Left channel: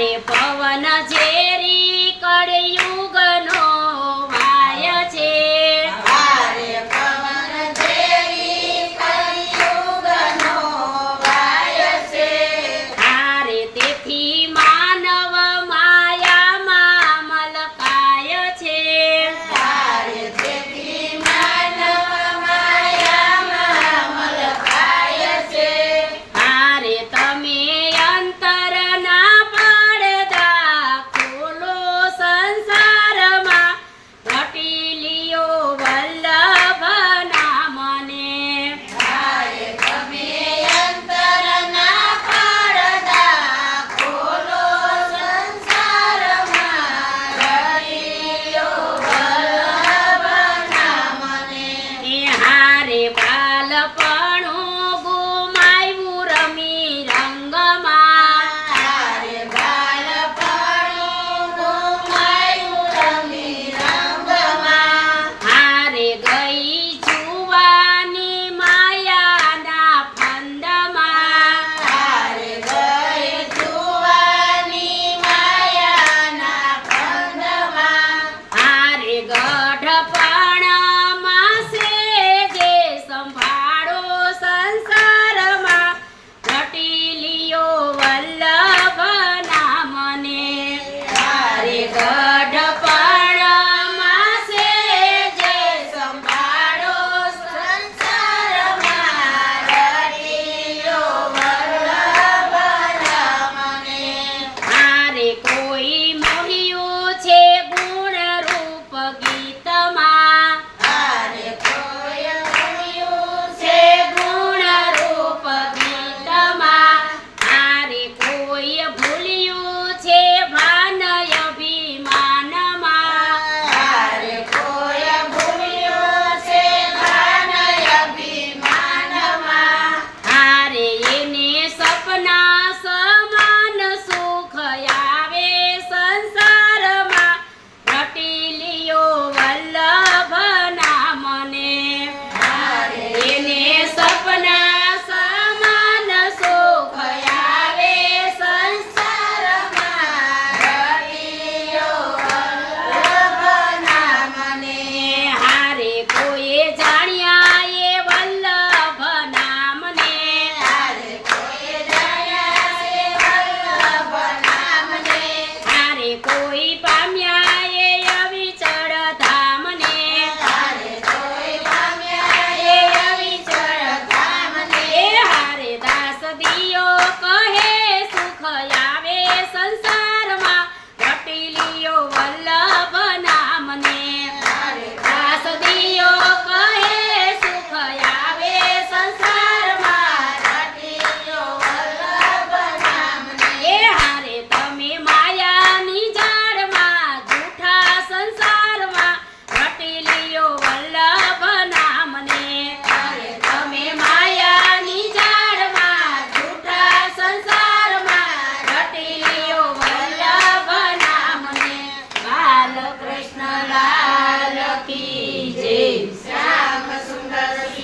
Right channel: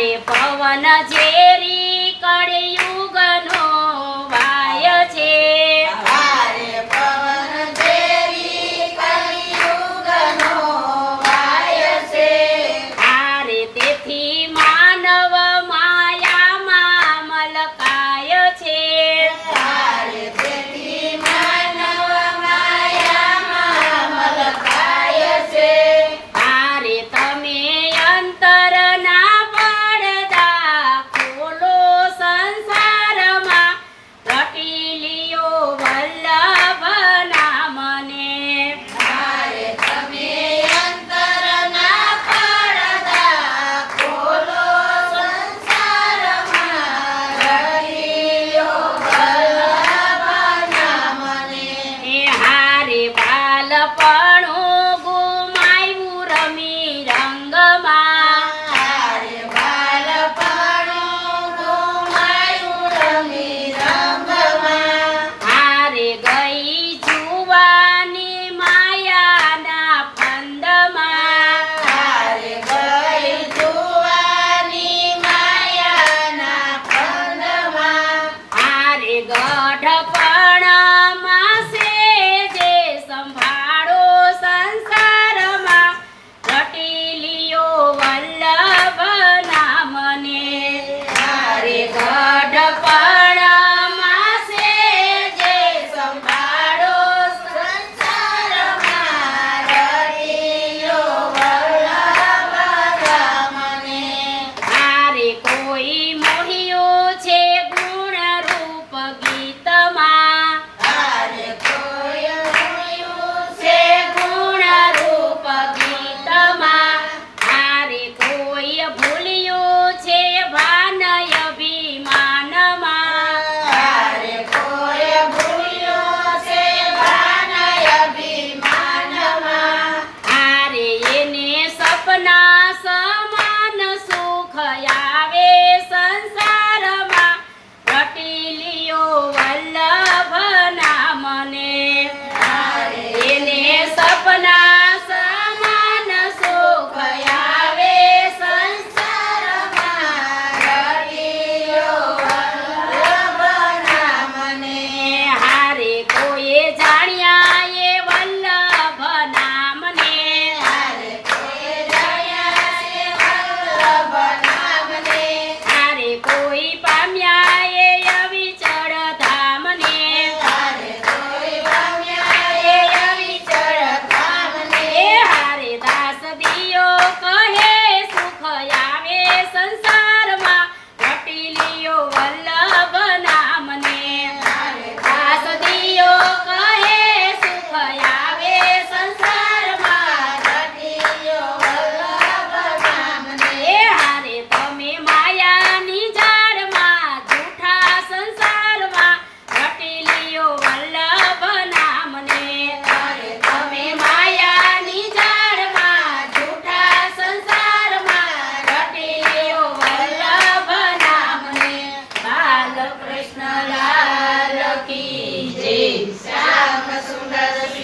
અરે પવન ઝેરી કળયુગનો વાય છે. અરે પવન ઝેરી કળયુગનો વાય છે. હારે તેથી pa na